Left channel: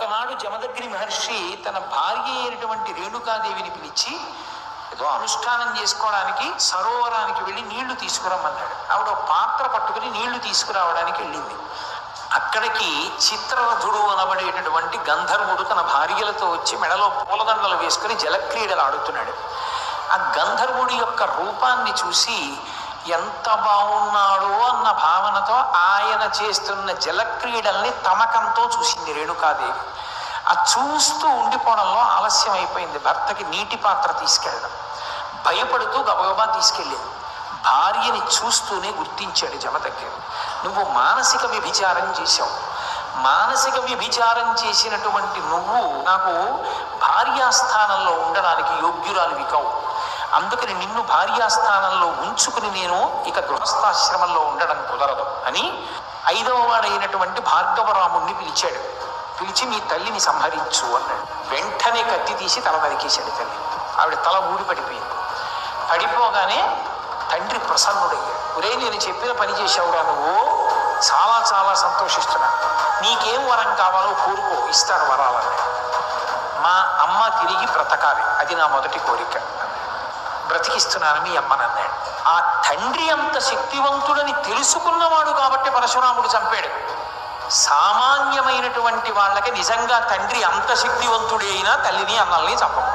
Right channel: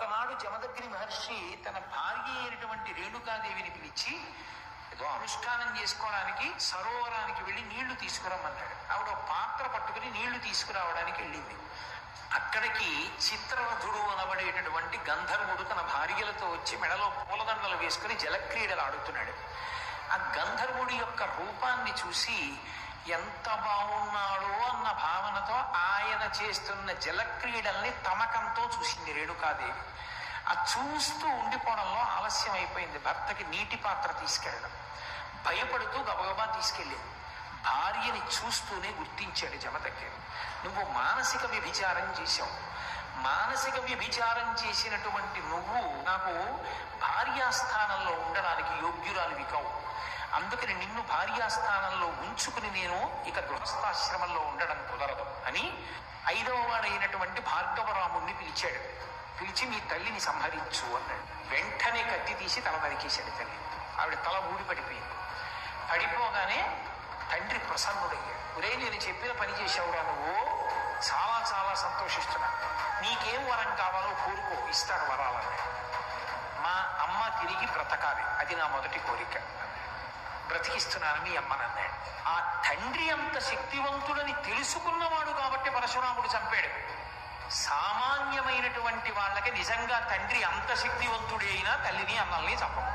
ఒకనాడు జమదగ్ని మహర్షి తన భార్య అయినటువంటి రేణుకాదేవిని పిలిచి ఏదో అనుష్ఠానం చేసుకోవడానికి సరోవరానికి వెళ్ళి నీళ్లు తీసుకురమ్మన్నాడు. ఆవిడ ఒక పాత్ర పట్టుకుని నీళ్లు తీసుకురావడానికి వెళ్ళింది. అక్కడికి చిత్రరథుడు అనబడేటటువంటి గంధర్వుడు తన భార్యలతో వచ్చి మెడలో పూలదండలు వేసుకుని జలక్రీడలు ఆడుతున్నాడు. ఆ గంధర్వుడి యొక్క రూపాన్ని చూసి ఎంత బాగున్నాడో అన్న భావనతో ఆయన చేస్తున్న జలక్రీడల్ని తమకంతో చూసింది రేణుకాదేవి. ఆ చూస్తూ ఉండిపోవడంలో ఆలస్యం అయిపోయింది. భర్తకి నీటి పాత్ర తీసుకెళ్ళడం భయపడుతూ గబగబా తీసుకెళ్ళింది. భార్యని చూస్తూనే గుర్తించాడు జమదగ్ని. నువ్వు మానసిక వ్యభిచారం చేశావు. మానసిక వ్యభిచారం చేసినటువంటి నువ్వు నాకు భార్యాస్థానంలో ఉండడానికి యోగ్యురాలివి కావు. అందుకని నిన్ను భార్యాస్థానంలో ఉంచుకుని నేను ఇక గృహస్థాశ్రమంలో ఉండడం కుదరదు అని 5వ వాడైనటువంటి భార్గవరాముణ్ణి పిలిచాడు. పిలిచి మీ తల్లిని సంహరించు అన్నాడు. వెంటనే కత్తి తీసి తల నరికేశాడు తల్లి. ఆవిడ తల ఊడి పడిపోయింది. పడిపోగానే తండ్రి ప్రసన్నుడయ్యాడు. ఒరే, నేను చెప్పిన పని చేశావురా, నువ్వు చాలా చాలా సంతోషిస్తున్నా. నీకేం వరం కావాలో కోరుకో, ఇస్తాను వరాలన్నాడు. మా అమ్మ తిరిగి బ్రతకాలి, అది నా మొదటి కోరిక. బ్రతికిస్తున్నాను మీ అమ్మనన్నాడు. ఆ తండ్రి అంత శక్తివంతుడని తెలుసుకున్నవాడు కాబట్టి పరశురాముడు చంపాడు. సామాన్యమైనటువంటి వాళ్ళకి నిజంగా తండ్రి అంత శక్తివంతుడే అయినా తల్లిని అన్నల్ని చంపము.